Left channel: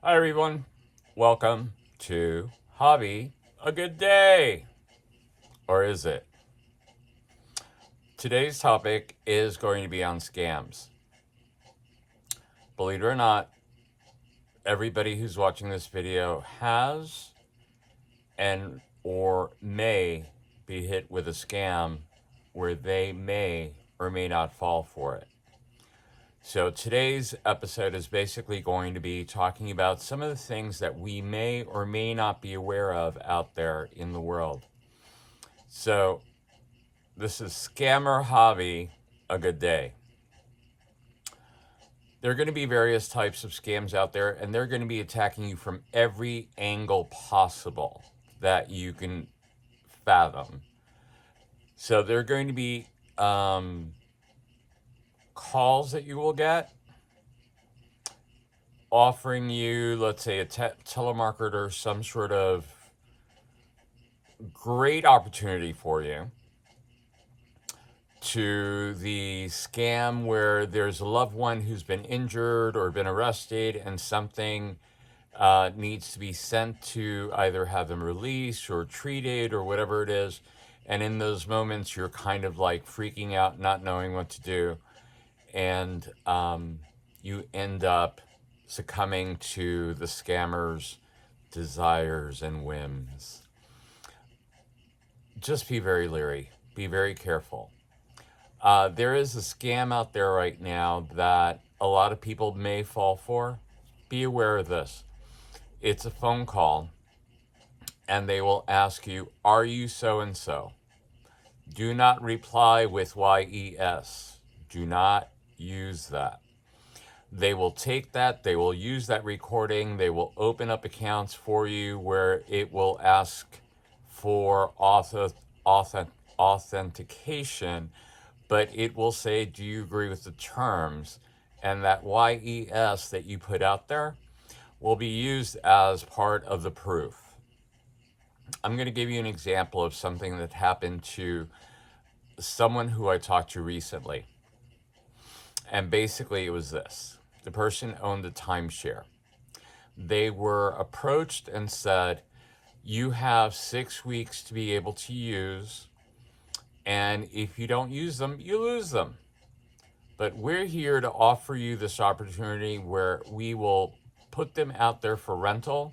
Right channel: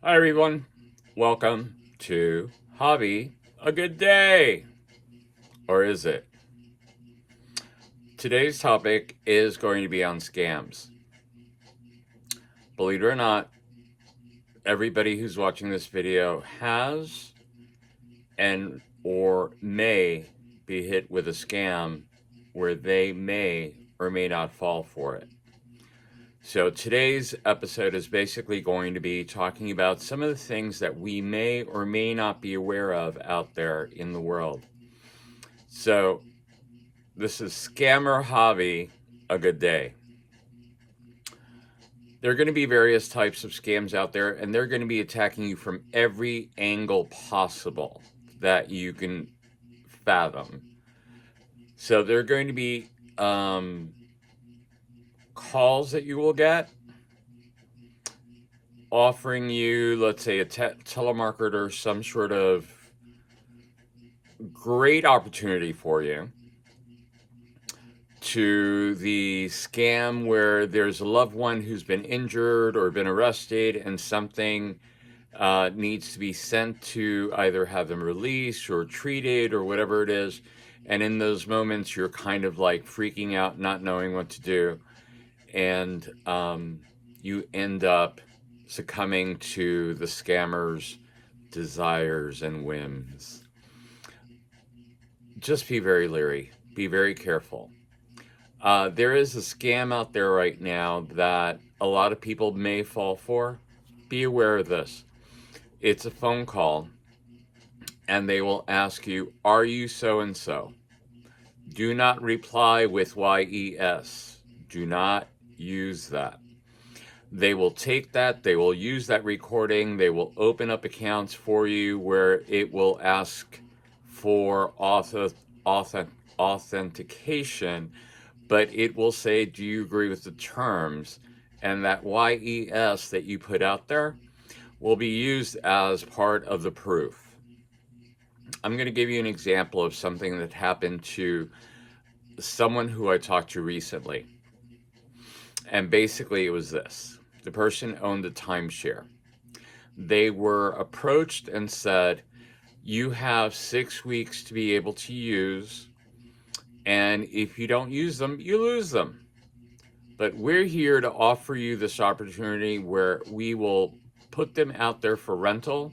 Hi, everyone. Welcome to Hobby A Good Day. Or is it? Today's topic is going to be on scams. Believe it or not, everybody who's watching this video has and or may be hit with a scam where they may or may not fall for it. So today's episode is basically going to be talking about some of the things that we may or may not be aware of out there in the world. So this is Scammer Hobby A Good Day. There are going to be various types of scams out there, and they're going to be attacking you from every angle possible that you can fathom. So there are going to be calls that you will get offering you, let's say, a telemarketer, some sort of great opportunity for you, to the scam where there's a loved one who's been injured or been arrested and something needs to be sent to either have them released or treated or whatever it is. And in those moments, you're kind of like freaking out, not knowing what to do. And you end up succumbing to the scammer's desires and whims. Just be very leery, be very careful. There is a scam out there right now that a lot of people may fall for. Be aware of this. It's a phone call, and they will ask you, "Are you so and so?" Do not reply with YES. Do not use that. They will take that, they will use that recording, they will open up accounts for you where it will ask for authentication, but it will say, "Do you agree with the terms?" And that YES that you put out there will be used as part of the proof. I'm going to give you an example of something that happened to someone who I talked to recently. And basically, it was this: the person owned a timeshare. They were approached and said, "You have 6 weeks to be able to use, and if you don't use them, you lose them. But we're here to offer you this opportunity where we will put them out there for rental.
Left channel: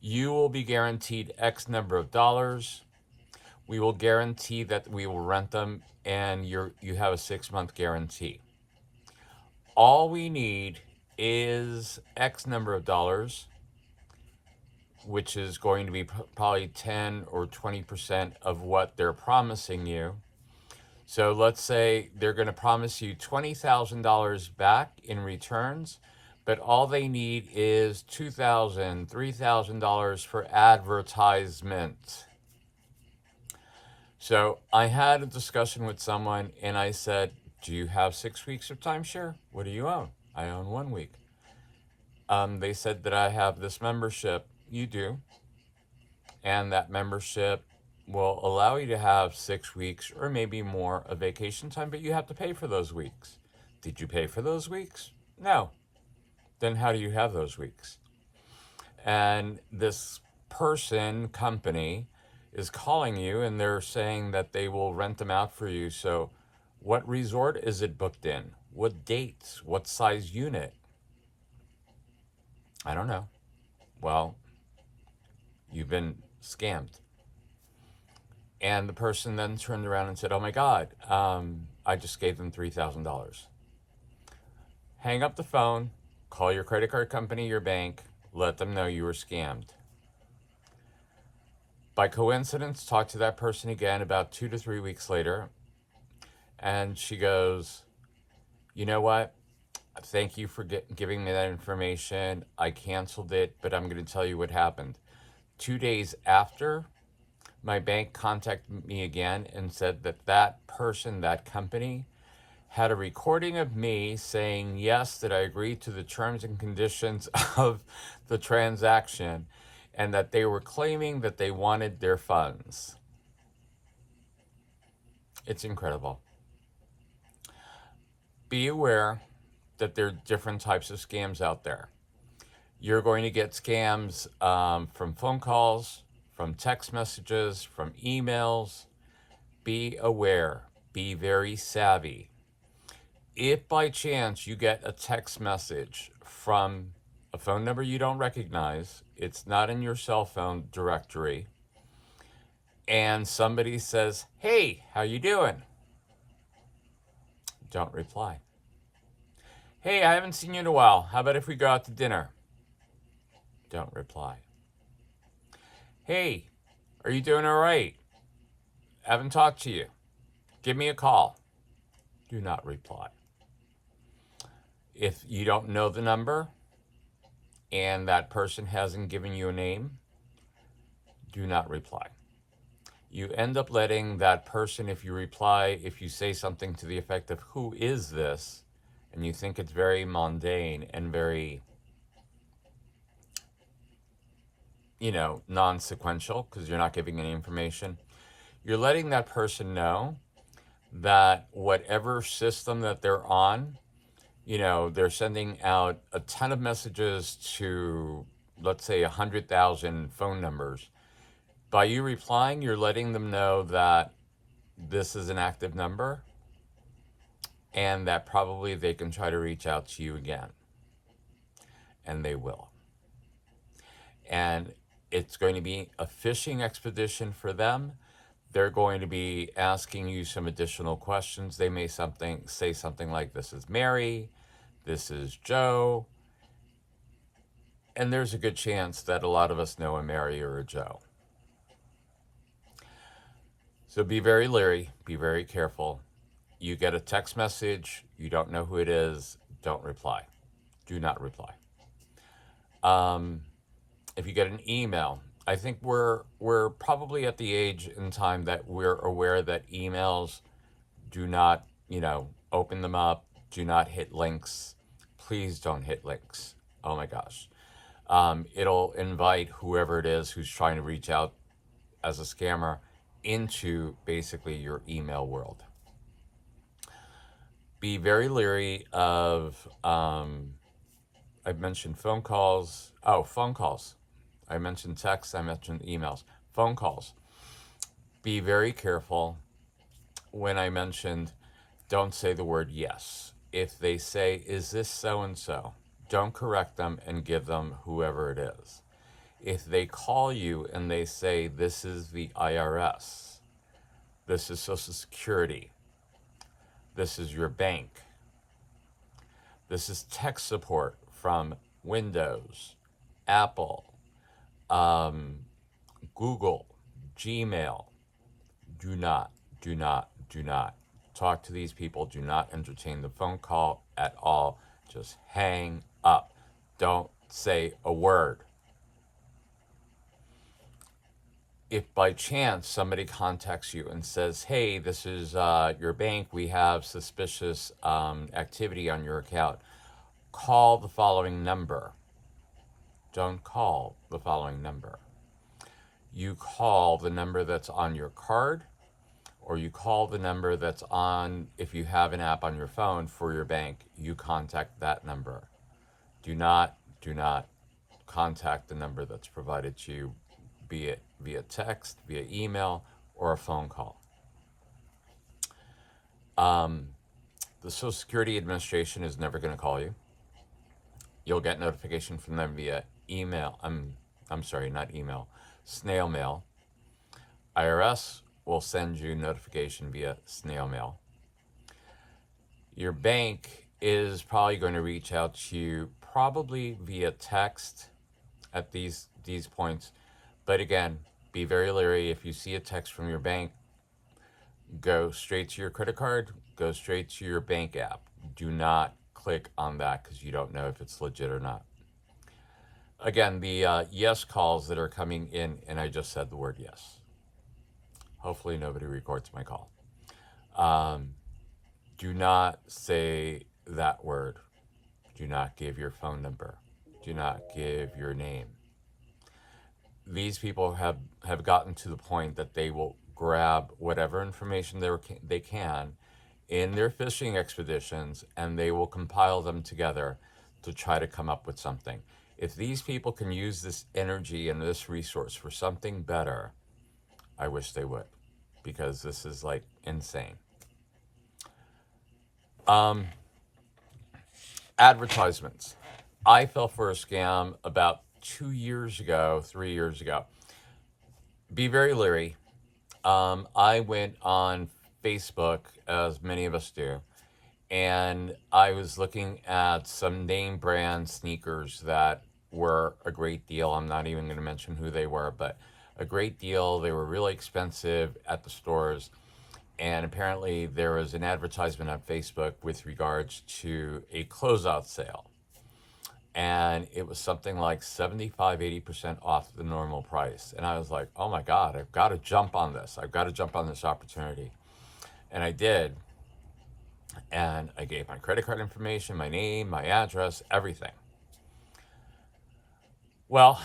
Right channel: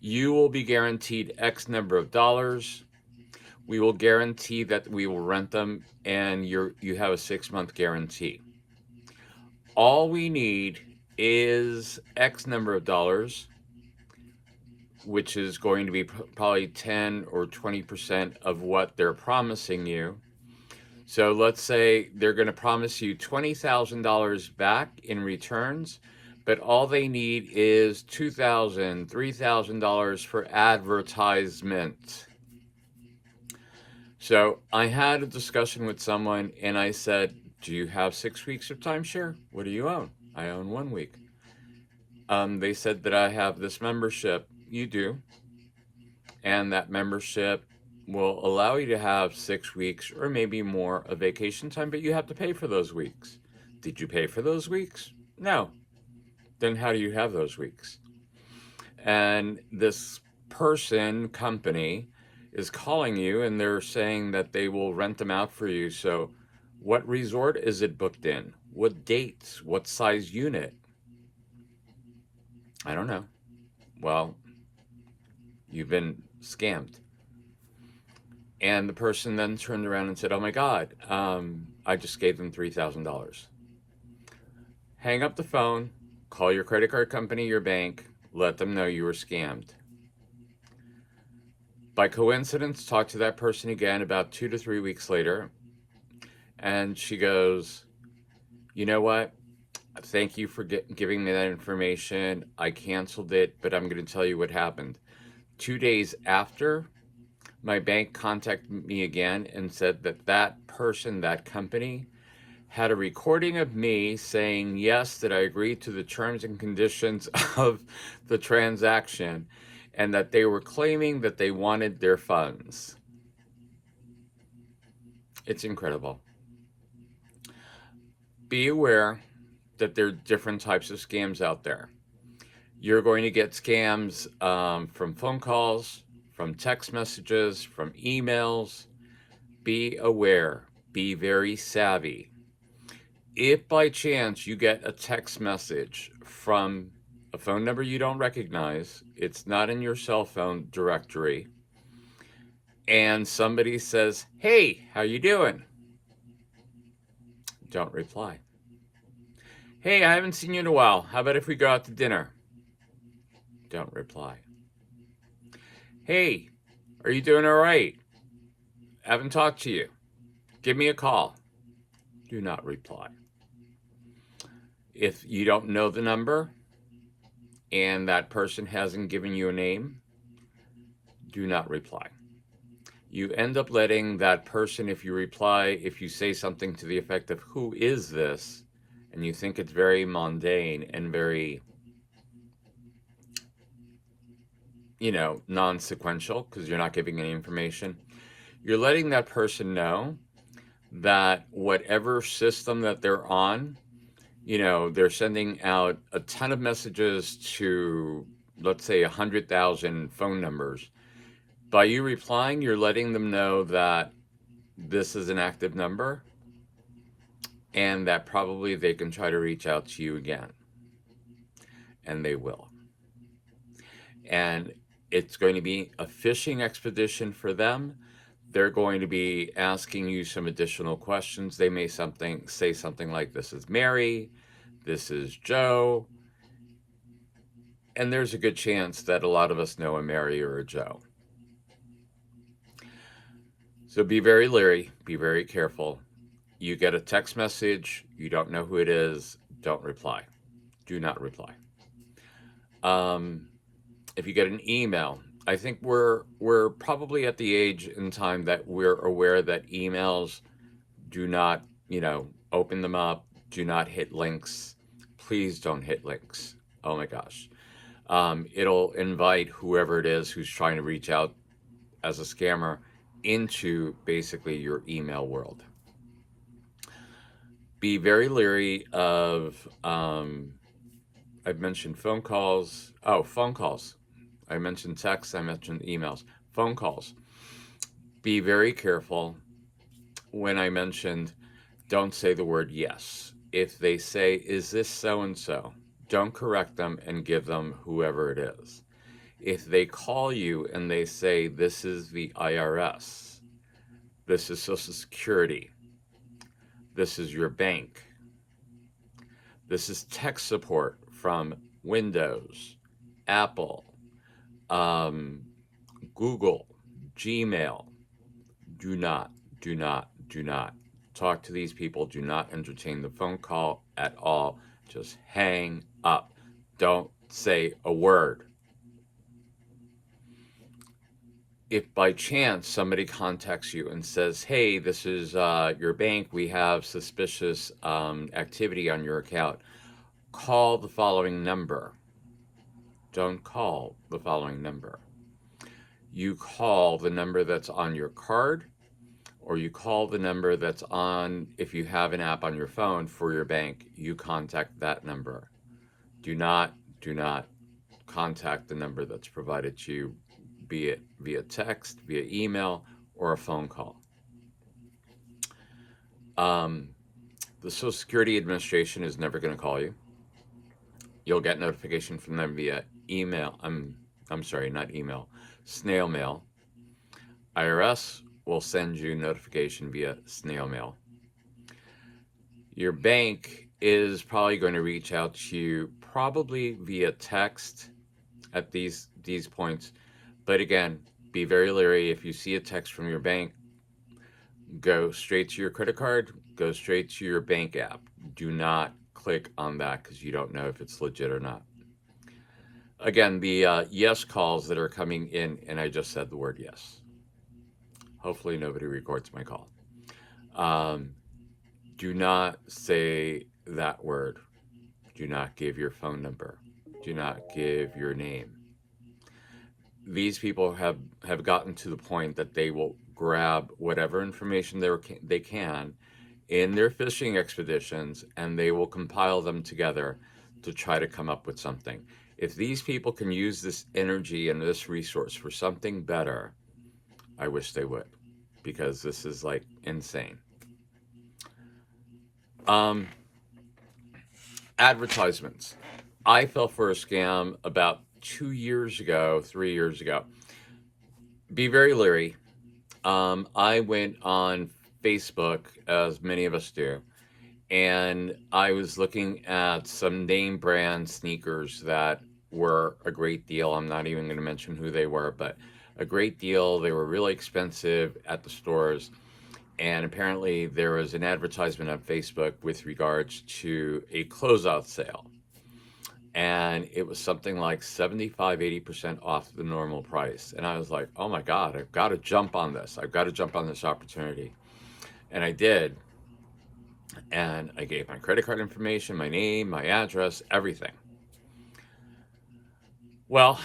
You will be guaranteed X number of dollars. We will guarantee that we will rent them, and you have a 6 month guarantee. All we need is X number of dollars, which is going to be probably 10 or 20% of what they're promising you. So let's say they're going to promise you $20,000 back in returns, but all they need is $2,000, $3,000 for advertisement." So I had a discussion with someone and I said, "Do you have 6 weeks of timeshare? What do you own?" "I own 1 week." They said that I have this membership. "You do. And that membership will allow you to have 6 weeks or maybe more of vacation time, but you have to pay for those weeks." "Did you pay for those weeks?" "No." "Then how do you have those weeks?" And this company is calling you and they're saying that they will rent them out for you. So what resort is it booked in? What dates? What size unit? "I don't know." "Well, you've been scammed." And the person then turned around and said, "Oh my God, I just gave them $3,000. Hang up the phone, call your credit card company, your bank, let them know you were scammed. By coincidence, talk to that person again about 2 to 3 weeks later, and she goes, "You know what? Thank you for giving me that information. I canceled it, but I'm going to tell you what happened. 2 days after, my bank contacted me again and said that that person, that company, had a recording of me saying yes, that I agreed to the terms and conditions of the transaction, and that they were claiming that they wanted their funds." It's incredible. Be aware that there are different types of scams out there. You're going to get scams from phone calls, from text messages, from emails. Be aware, be very savvy. If by chance you get a text message from a phone number you don't recognize, it's not in your cell phone directory, and somebody says, "Hey, how you doing?" Don't reply. "Hey, I haven't seen you in a while. How about if we go out to dinner?" Don't reply. "Hey, are you doing all right? Haven't talked to you. Give me a call." Do not reply. If you don't know the number and that person hasn't given you a name, do not reply. You end up letting that person, if you reply, if you say something to the effect of, "Who is this?" and you think it's very mundane and very, non-sequential because you're not giving any information, you're letting that person know that whatever system that they're on, they're sending out a ton of messages to, let's say, 100,000 phone numbers. By you replying, you're letting them know that this is an active number and that probably they can try to reach out to you again. And they will. And it's going to be a fishing expedition for them. They're going to be asking you some additional questions. They may say something like, "This is Mary, this is Joe." And there's a good chance that a lot of us know a Mary or a Joe. So be very leery, be very careful. You get a text message, you don't know who it is, don't reply. Do not reply. If you get an email, I think we're probably at the age in time that we're aware that emails, do not, open them up, do not hit links. Please don't hit links. Oh my gosh. It'll invite whoever it is who's trying to reach out as a scammer into basically your email world. Be very leery of, I've mentioned phone calls. Oh, phone calls. I mentioned texts, I mentioned emails. Phone calls. Be very careful when I mentioned don't say the word yes. If they say, "Is this so and so?" don't correct them and give them whoever it is. If they call you and they say, "This is the IRS, this is Social Security, this is your bank, this is tech support from Windows, Apple, Google, Gmail," do not, do not, do not talk to these people. Do not entertain the phone call at all. Just hang up. Don't say a word. If by chance somebody contacts you and says, "Hey, this is your bank, we have suspicious activity on your account," call the following number. Don't call the following number. You call the number that's on your card, or you call the number that's on, if you have an app on your phone for your bank, you contact that number. Do not contact the number that's provided to you, be it via text, via email, or a phone call. The Social Security Administration is never going to call you. You'll get notification from them via email. I'm sorry, not email, snail mail. IRS will send you notification via snail mail. Your bank is probably going to reach out to you probably via text at these points. But again, be very leery. If you see a text from your bank, go straight to your credit card, go straight to your bank app. Do not click on that because you don't know if it's legit or not. Again, the yes calls that are coming in, and I just said the word yes. Hopefully nobody records my call. Do not say that word. Do not give your phone number. Do not give your name. These people have gotten to the point that they will grab whatever information they can in their fishing expeditions, and they will compile them together to try to come up with something. If these people can use this energy and this resource for something better, I wish they would, because this is like insane. Um, Advertisements. I fell for a scam about 2 years ago, 3 years ago. Be very leery. I went on Facebook, as many of us do, and I was looking at some name brand sneakers that were a great deal. I'm not even going to mention who they were, but a great deal. They were really expensive at the stores. And apparently, there was an advertisement on Facebook with regards to a closeout sale. And it was something like 75, 80% off the normal price. And I was like, oh my God, I've got to jump on this. I've got to jump on this opportunity. And I did. And I gave my credit card information, my name, my address, everything. Well,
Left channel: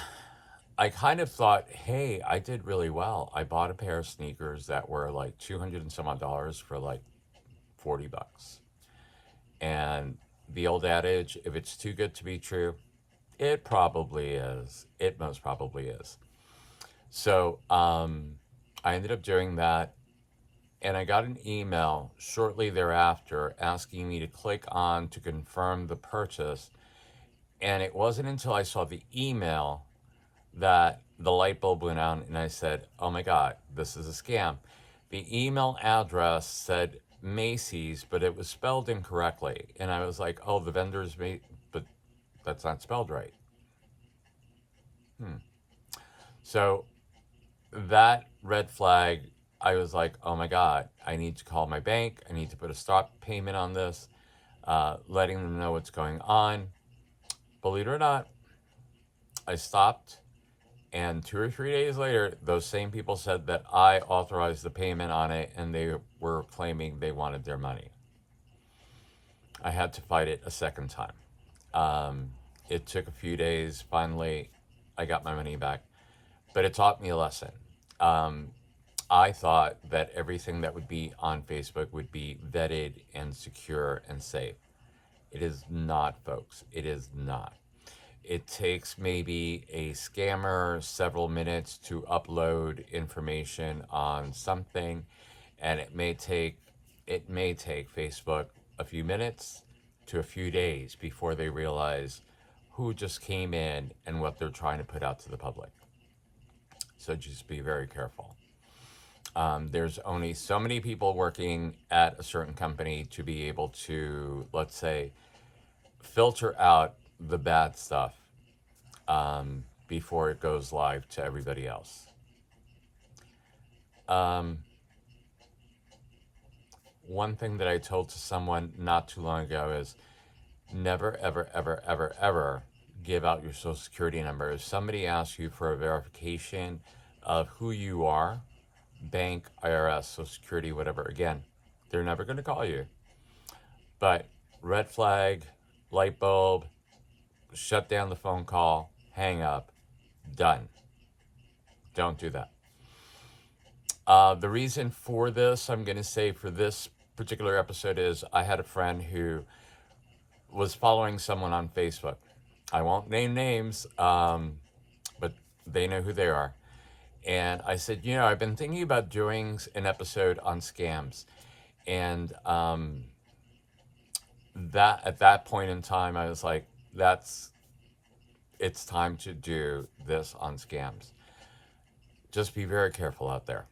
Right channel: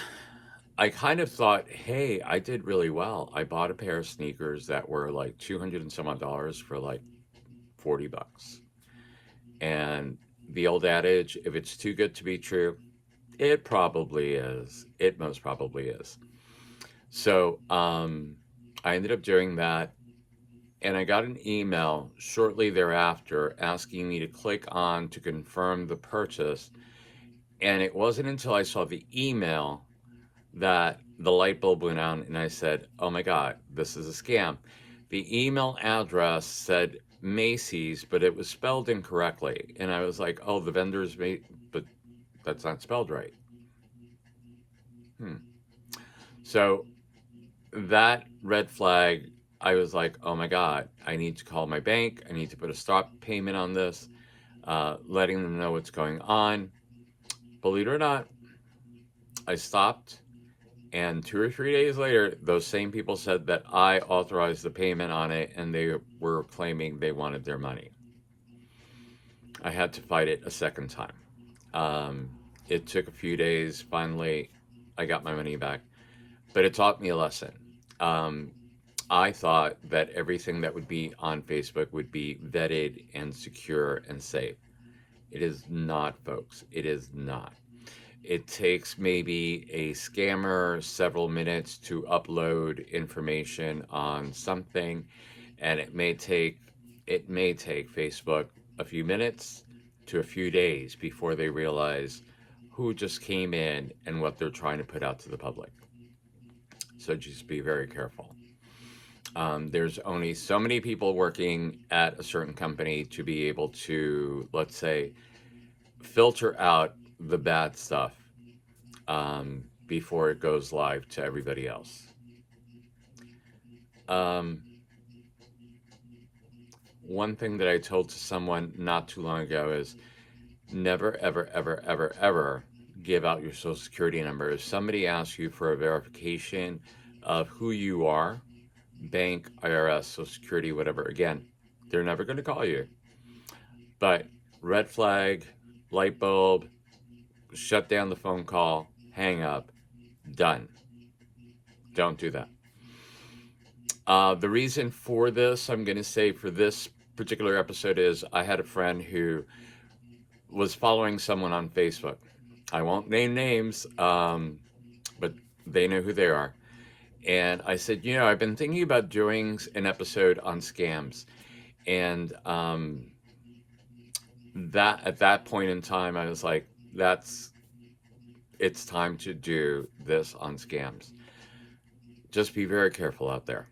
I kind of thought, hey, I did really well. I bought a pair of sneakers that were like 200 and some odd dollars for like $40. And the old adage, if it's too good to be true, it probably is. It most probably is. So I ended up doing that. And I got an email shortly thereafter asking me to click on to confirm the purchase. And it wasn't until I saw the email that the light bulb went on and I said, oh my God, this is a scam. The email address said Macy's, but it was spelled incorrectly. And I was like, oh, the vendor's made, but that's not spelled right. Hmm. So that red flag, I was like, oh my God, I need to call my bank. I need to put a stop payment on this, letting them know what's going on. Believe it or not, I stopped. And 2 or 3 days later, those same people said that I authorized the payment on it and they were claiming they wanted their money. I had to fight it a second time. Um, it took a few days. Finally, I got my money back, but it taught me a lesson. Um, I thought that everything that would be on Facebook would be vetted and secure and safe. It is not, folks. It is not. It takes maybe a scammer several minutes to upload information on something, and it may take Facebook a few minutes to a few days before they realize who just came in and what they're trying to put out to the public. So just be very careful. There's only so many people working at a certain company to be able to, let's say, filter out the bad stuff before it goes live to everybody else. Um, One thing that I told to someone not too long ago is never, ever, ever, ever, ever give out your social security number. If somebody asks you for a verification of who you are, bank, IRS, social security, whatever, again, they're never going to call you. But red flag, light bulb, shut down the phone call, hang up, done. Don't do that. The reason for this, I'm going to say for this particular episode, is I had a friend who was following someone on Facebook. I won't name names, but they know who they are. And I said, I've been thinking about doing an episode on scams. And that at that point in time, I was like, it's time to do this on scams. Just be very careful out there.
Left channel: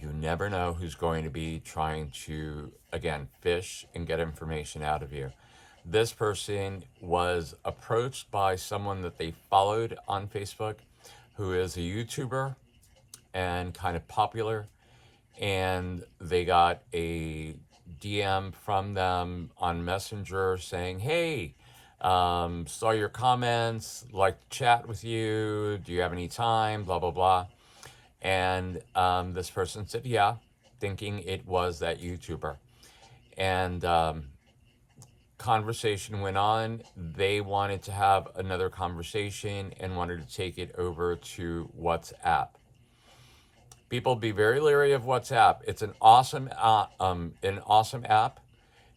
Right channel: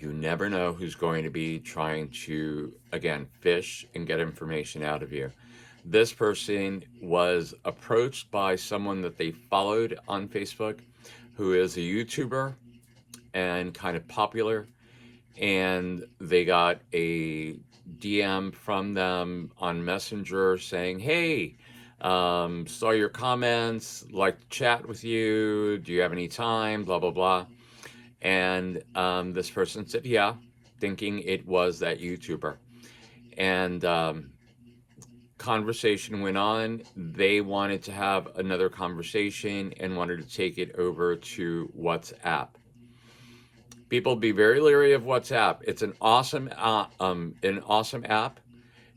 You never know who's going to be trying to, again, fish and get information out of you. This person was approached by someone that they followed on Facebook who is a YouTuber and kind of popular. And they got a DM from them on Messenger saying, hey, saw your comments, like to chat with you. Do you have any time? Blah, blah, blah. And this person said, yeah, thinking it was that YouTuber. And conversation went on. They wanted to have another conversation and wanted to take it over to WhatsApp. People be very leery of WhatsApp. It's an awesome app,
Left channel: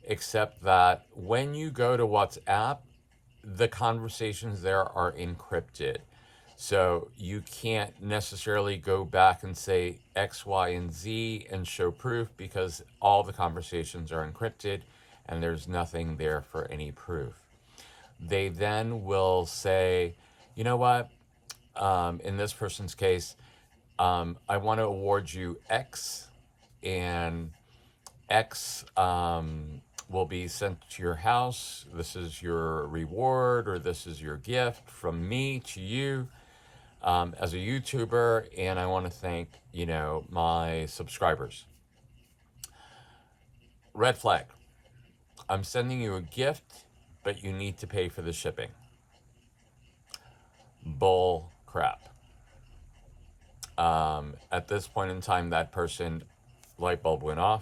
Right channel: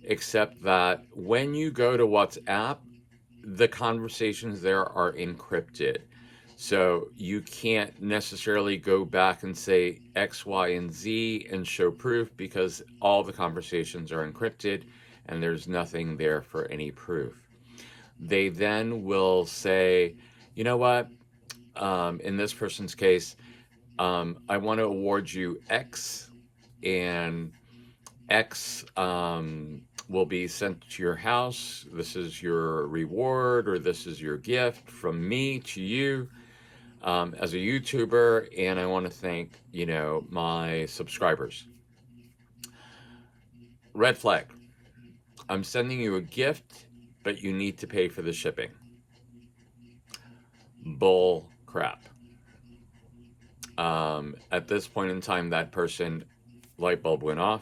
except that when you go to WhatsApp, the conversations there are encrypted. So you can't necessarily go back and say X, Y, and Z and show proof because all the conversations are encrypted and there's nothing there for any proof. They then will say, you know what, in this person's case, I want to award you X, and X will be sent to your house. This is your reward, or this is your gift from me to you as a YouTuber, and I want to thank, my subscribers. Red flag. I'm sending you a gift, but you need to pay for the shipping. Bull crap. At this point in time, that person, light bulb went off.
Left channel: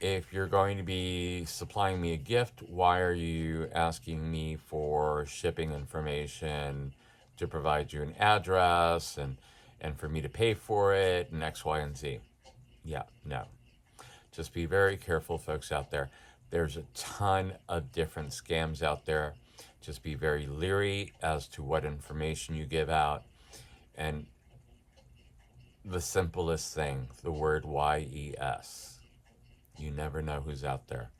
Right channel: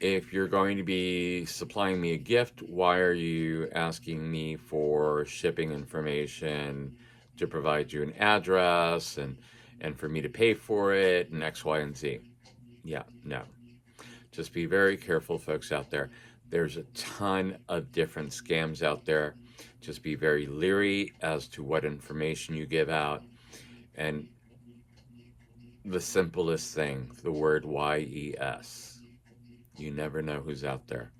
If you're going to be supplying me a gift, why are you asking me for shipping information to provide you an address and for me to pay for it and X, Y, and Z? Yeah, no. Just be very careful, folks out there. There's a ton of different scams out there. Just be very leery as to what information you give out. And the simplest thing, the word YES. You never know who's out there.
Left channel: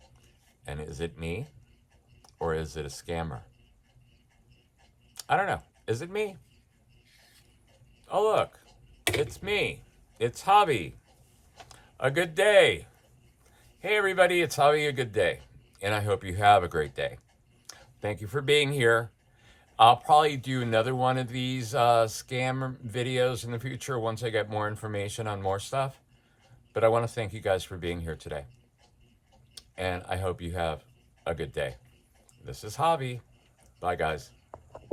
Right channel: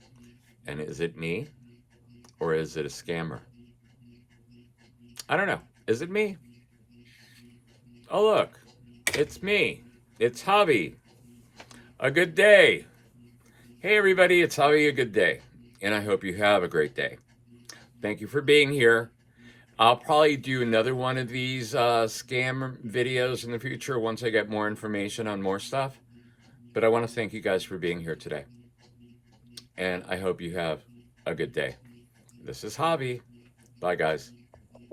And is it me or is it a scammer? I don't know. Is it me? Oh, look, it's me. It's Javi. A good day. Hey, everybody, it's Javi. A good day. And I hope you have a great day. Thank you for being here. I'll probably do another one of these scam videos in the future once I get more information on more stuff. But I want to thank you guys for being here today. And I hope you have a good day. This is Javi. Bye, guys.